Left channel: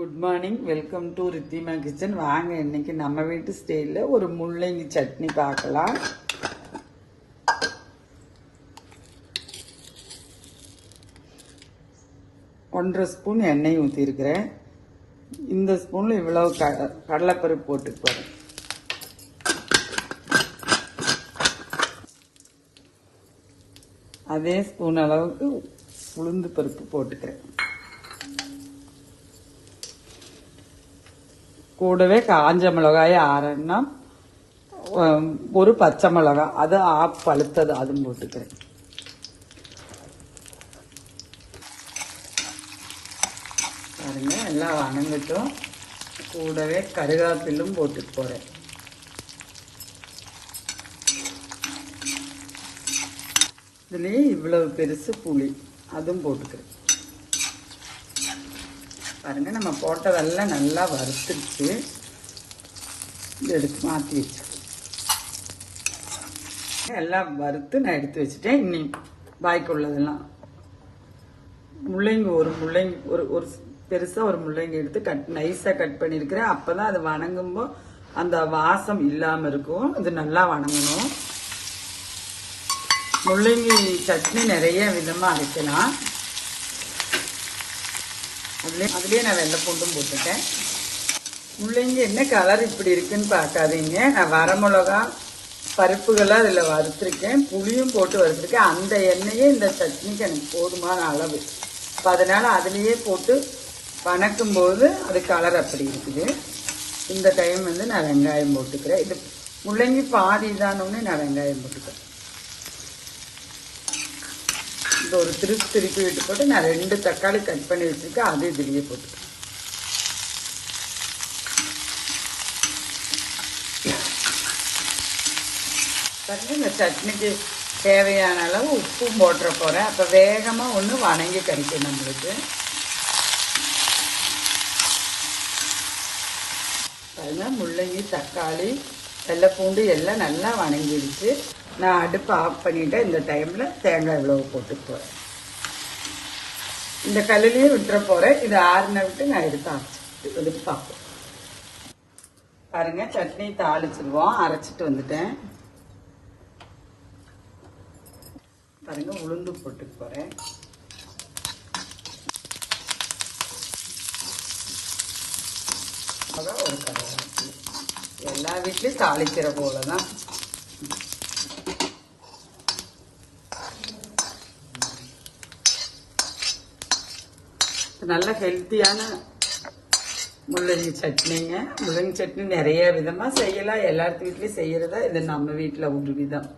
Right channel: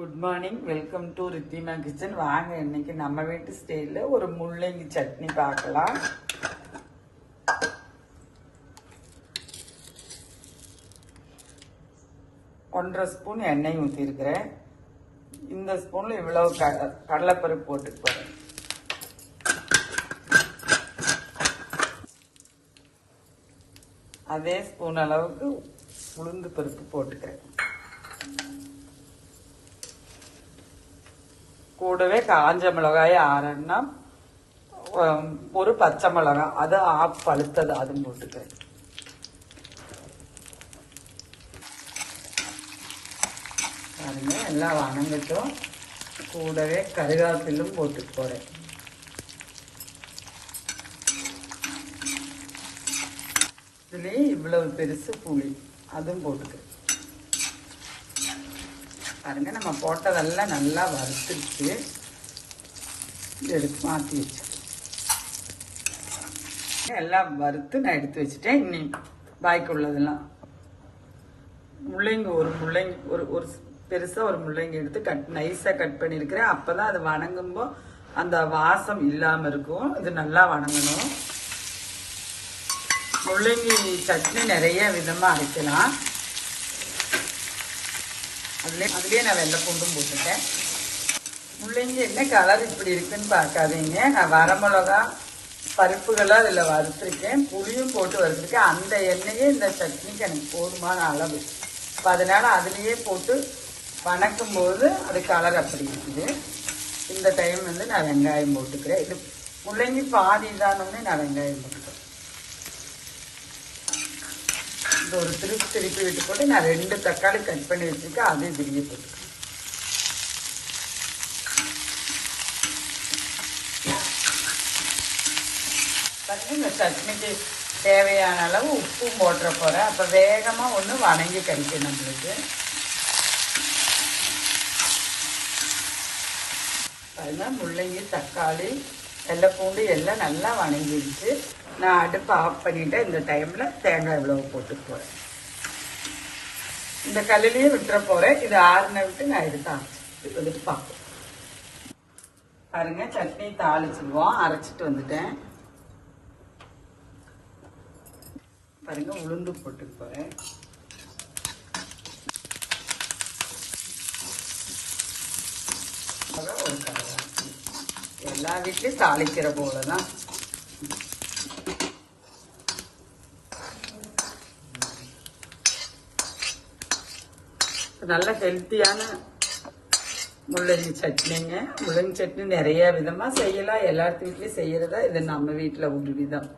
Good morning, welcome to Ridhima kitchen. வாங்க இன்னைக்கு நம்ம வீட்டு ஸ்டைலில் ஒரு முள்ளங்கி சட்னி பார்க்கலாம். ஒன்றரை ஸ்பூன் எண்ணெய் ஊற்றிருக்கிறேன். இந்த ஸ்பூனில் இவ்வளவு கடலைப்பருப்பு போட்டு போகிறேன். அதே ஸ்பூன் அளவுக்கு உளுந்து பருப்பு போட்டுக்கிறேன். கூடவே காஞ்ச மிளகாய் 6 ஒரு பச்சை மிளகாய், அது ஆஃப் பழுத்தது, அதுவும் போட்டுக்கிறேன். பாருங்க, எல்லாம் வணங்கட்டும். கூடவே கருவேப்பிலும் போட்டு போறேன். இதுலயே இவ்வளவு பெருசு புளி, அதுவும் போட்டுக்கிறேன். பாருங்க, நம்ம போட்டதெல்லாம் நல்லா வறுத்துருச்சு. எடுத்து மாற்றி வச்சு எல்லாம் வறுத்து நான் எடுத்து வச்சுட்டேன். இன்னும் பாய்க்கு உள்ளதெல்லாம் முள்ளங்கி, ஒரு பெருசா ஒரு முள்ளங்கி எடுத்து நைஸா கட் பண்ணிருக்கிறேன். அப்பதான் அது வணங்கும்போது அந்த வாசம் இல்லாம இருக்கும். இது நல்லா வணங்கணும். முள்ளங்கி சட்னி நிறைய விதமா அரைக்கலாம். அதுலயே நான் வெள்ளை பூண்டும் போட்டுட்டேன். முள்ளங்கி என்ன கலர் இப்படி இருக்குன்னு பார்க்காதீங்க. நான் வரமிளகா பருப்புகளை அதில் வறுத்துருக்கேன், புளியும் போட்டு வறுத்துருக்கேன். அந்த எண்ணெயே இந்த சட்னிக்கு எனக்கு போதுமான அளவு. இப்போ அதனால அதுலேயே போட்டு வணக்கும் போது அது கலர் அப்படி இருக்குது. இந்த டைம் நான் வெங்காயம் போட்டுக்கிறேன். இது முள்ளங்கி பாதி தானோன்னு நான் வெங்காயம் போட்டுக்கிறேன். இப்போ ஒரு திருப்பி விட்டு போட்டு நான் 2 தக்காளி கட் பண்ணி வச்சுருக்கேன். அது இதுலேயே போட்டு இந்த சட்னிக்கு தேவையான அளவு உப்பும் போட்டுற போகிறேன். அப்போ வேகமாக ஒன்று வணங்கி கிடைக்கும் நம்மளுக்கு. அதனால் முள்ளங்கி, தக்காளி, வெள்ளைப்பூண்டு எல்லாம் நல்லா வணங்கிடுச்சு. நான் அடுப்பு ஆஃப் பண்ணிவிட்டேன். இந்த டைமில் தேங்காய் இவ்வளவு போட்டு போகிறேன். இந்த கல்லுலேயே விட்டுற போகிறேன். இது ஆறுன விட்டு நான் எடுத்து பார்ப்பேன். பாருங்க, சட்னி தாளிச்சிடுவோம். அரைச்சிட்டு வந்துட்டேன். பாருங்க, உளுந்து போட்டு போகிறேன். ஒரு கருவேப்பிலை. எல்லா வீட்லையும் தாளிக்கிற போலதான். நல்ல ஹெல்த்தியான முள்ளங்கி சட்னிங்க. முள்ளங்கி சட்னி நிறைய விதமாக செய்யலாம். எல்லாத்து வீட்லையும் செய்யறத இது நம்ம வீட்டில் ஒரு விதம்.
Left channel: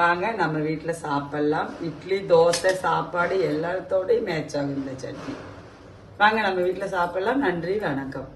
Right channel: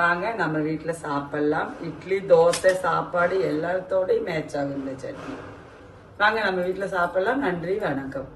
வாங்க நம்ம வீட்டில் சாப்பிடலாம். இட்லி, தோசை, சாப்பாடு எல்லாத்தோடையும் மேட்ச் ஆகும் இந்த சட்னி. வாங்க நம்ம வீட்டில் சாப்பிடலாம். நன்றி, வணக்கம்.